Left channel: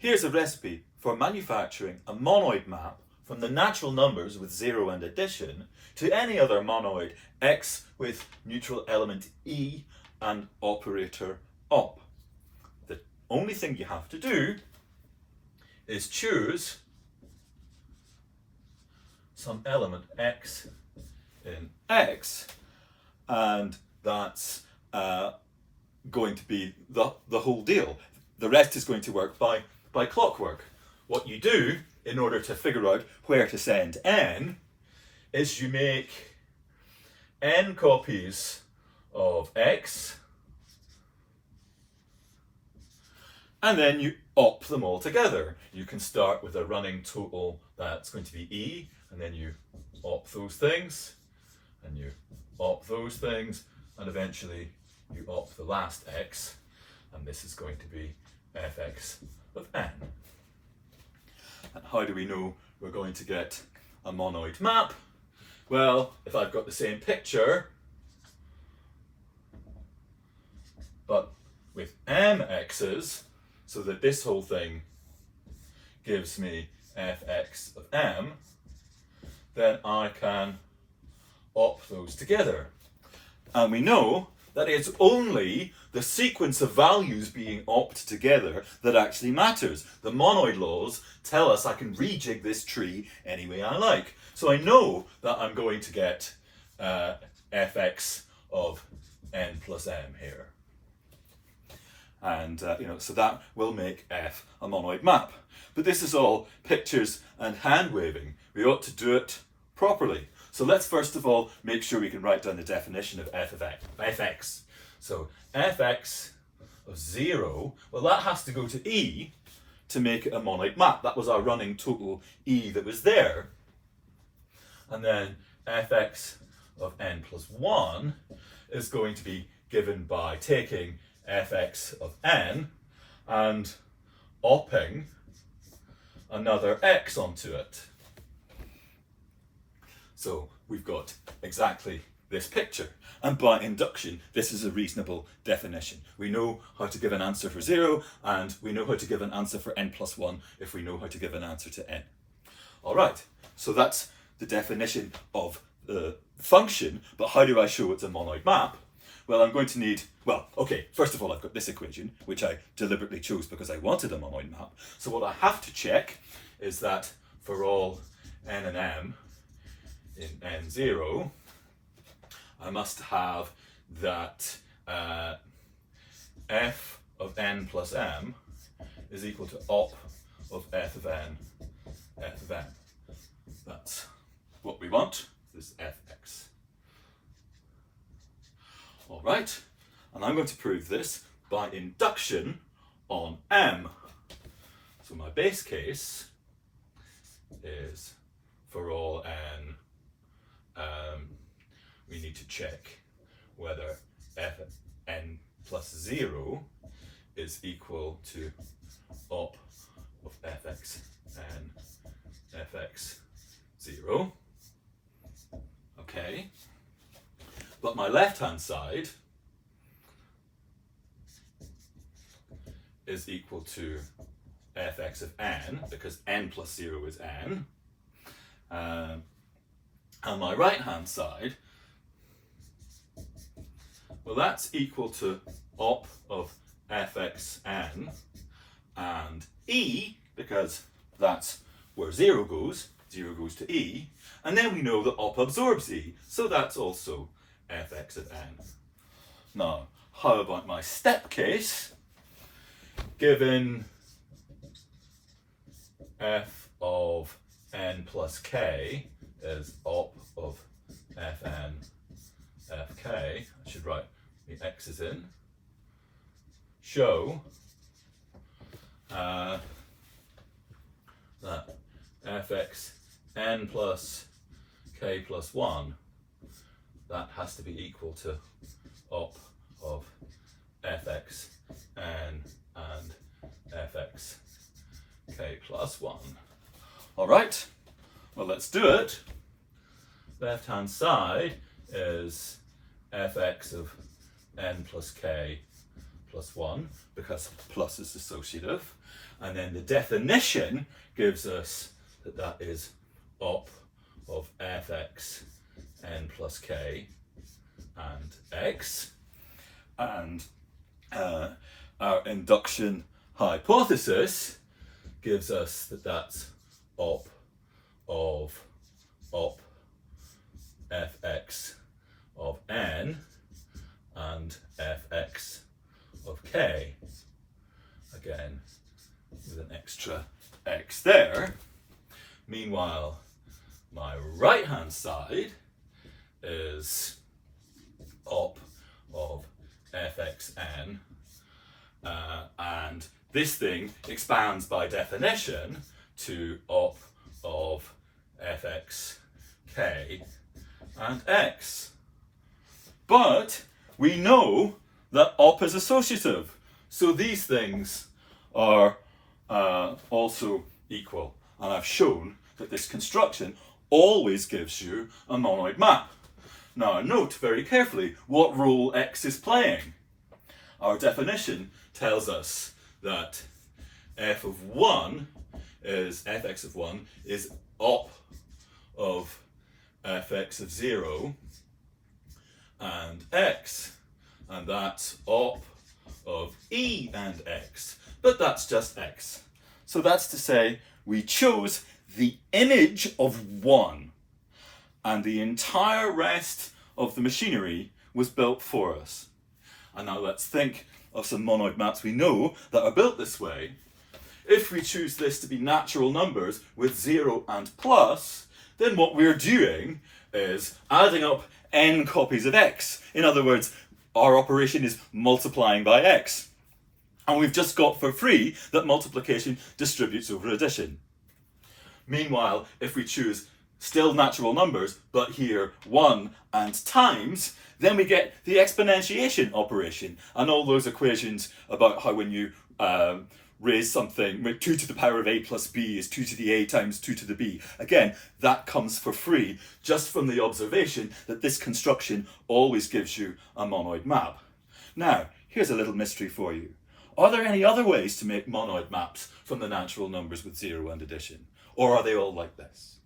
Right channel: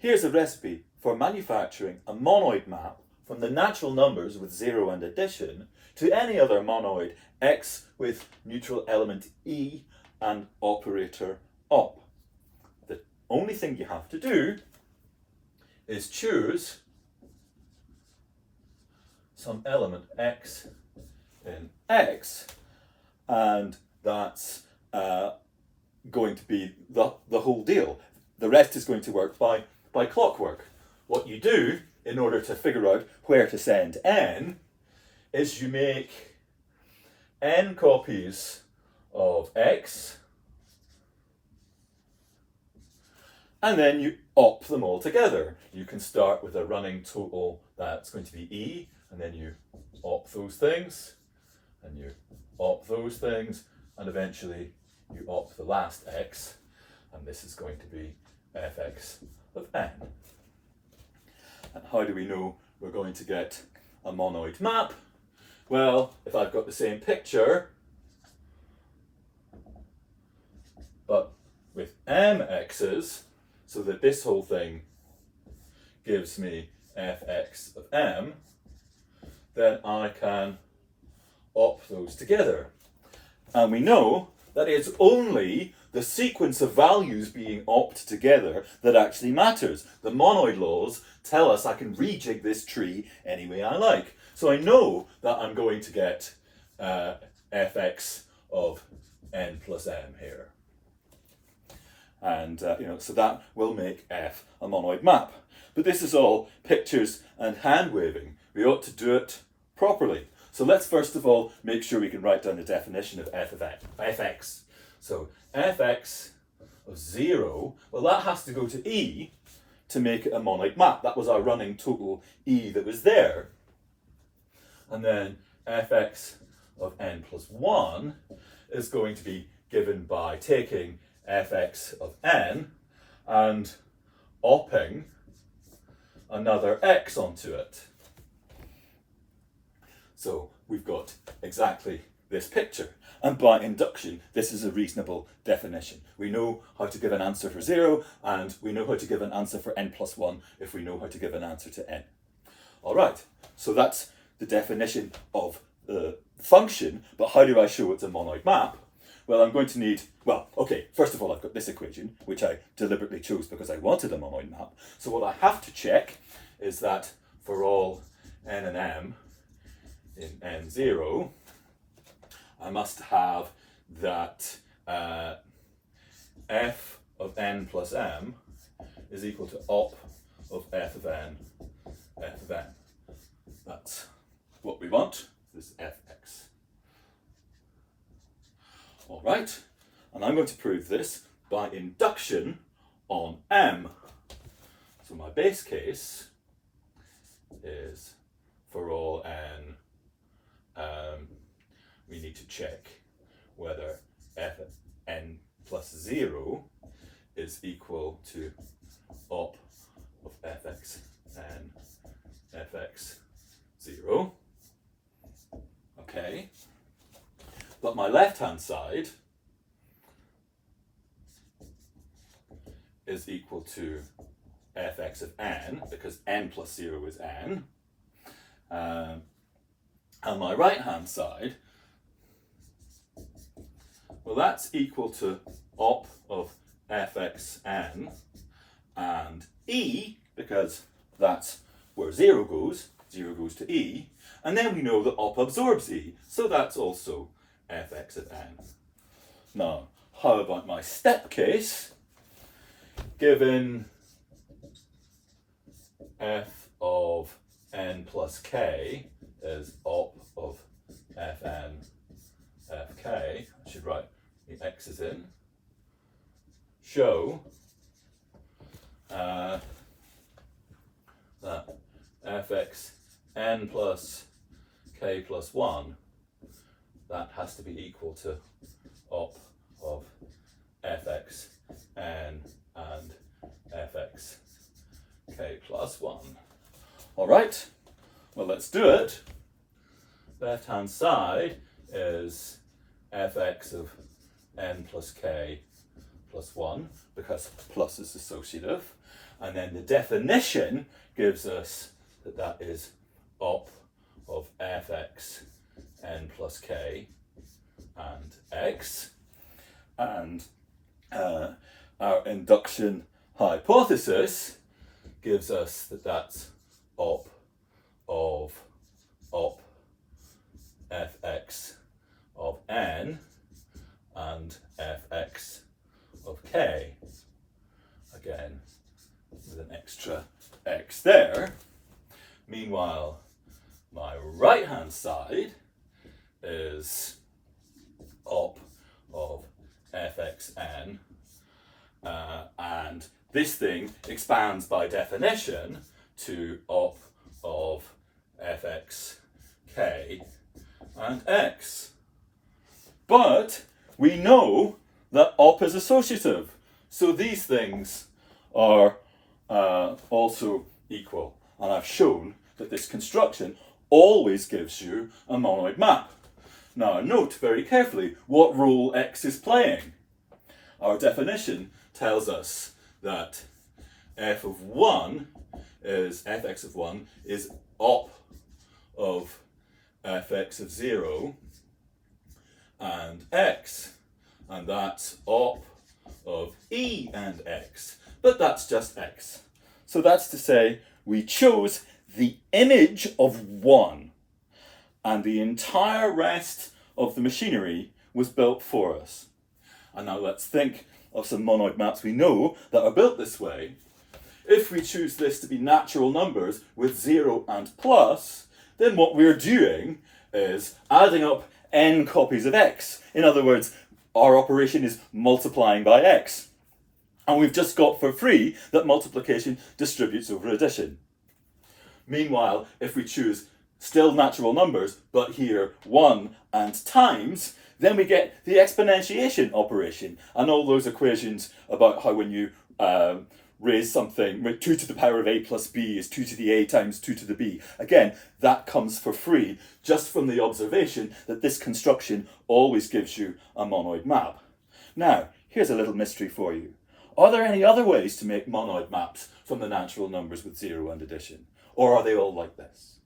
Here's a recipe for manufacturing a monoid map from the natural numbers with 0 and addition to any other monoid x with neutral element e and operator op. The only thing you have to do is choose some element x in x, and that's going to be the whole deal. The rest is going to work by clockwork. What you do in order to figure out where to send n is you make n copies of x and then you op them all together. You can start with a running total that's going to be e, and then you op those things and you op those things, and eventually you op the last x, and this is going to be fx of n. And how do we know we're going to get a monoid map? Well, if I've got the same picture, but with m x's, so that this whole thing gives me fx of m, then I can op those together. And we know that it's only the sequence of values being opt together that actually matters. The monoid laws tell us I can rejig this tree any way I like. So I know that I'm going to get fx of n plus m here. And so that will make f a monoid map. But this is all pictures and hand waving. We ought to do it properly. So let's first of all make sure we can write down the definition of fx. So fx of 0, well, that has to go to e to make it a monoid map. That was our running total e that was there. And then fx of n plus 1 is going to be given by taking fx of n and opping another x onto it. So we've got exactly this picture. And by induction, this is a reasonable definition. We know how to give an answer for 0, and we know how to give an answer for n plus 1 if we know how to give an answer to n. All right, so that's the definition of the function, but how do I show it's a monoid map? Well, I'm going to need, well, okay, first of all, I've got this equation, which I deliberately chose because I wanted a monoid map. So what I have to check is that for all n and m in n0, I must have that f of n plus m is equal to op of f of n, f of n. That's what we want, this fx. All right, and I'm going to prove this by induction on m. So my base case is for all n, we need to check whether f of n plus 0 is equal to op of fx n fx 0. Okay. But my left-hand side is equal to fx of n, because n plus 0 is n. And my right-hand side, well, that's equal to op of fx n and e, because that's where 0 goes to e. And then we know that op absorbs e, so that's also fx of n. Now, how about my step case? Given f of n plus k is op of fn fk, I should write the x's in, show that fx n plus k plus 1, that has to be equal to op of fx n and fx k plus 1. All right, well, let's do it. Left hand side is fx of n plus k plus 1, because plus is associative, And then the definition gives us that that is op of fx n plus k and x. And our induction hypothesis gives us that that's op of fx of n and fx of k. Again, with an extra x there. Meanwhile, my right hand side is op of fxn, and this thing expands by definition to op of fxk and x. But we know that op is associative, so these things are also equal, and I've shown that this construction always gives you a monoid map. Now note very carefully what role x is playing. Our definition tells us that f of 1 is fx of 1 is op of fx of 0 and x, and that's op of e and x, but that's just x. So that's to say we chose the image of 1, and the entire rest of the machinery was built for us. And now let's think of some monoid maps we know that are built this way. If we choose this to be natural numbers with 0 and plus, then what we're doing is adding up n copies of x. In other words, our operation is multiplying by x. And we've just got for free that multiplication distributes over addition. Meanwhile, if we choose still natural numbers, but here 1 and times, then we get the exponentiation operation and all those equations about how when you raise something, 2 to the power of a plus b is 2 to the a times 2 to the b. Again, that comes for free just from the observation that this construction always gives you a monoid map. Now, here's a little mystery for you. Are there any other ways to make monoid maps from the natural numbers with 0 and addition? Or are they all like this?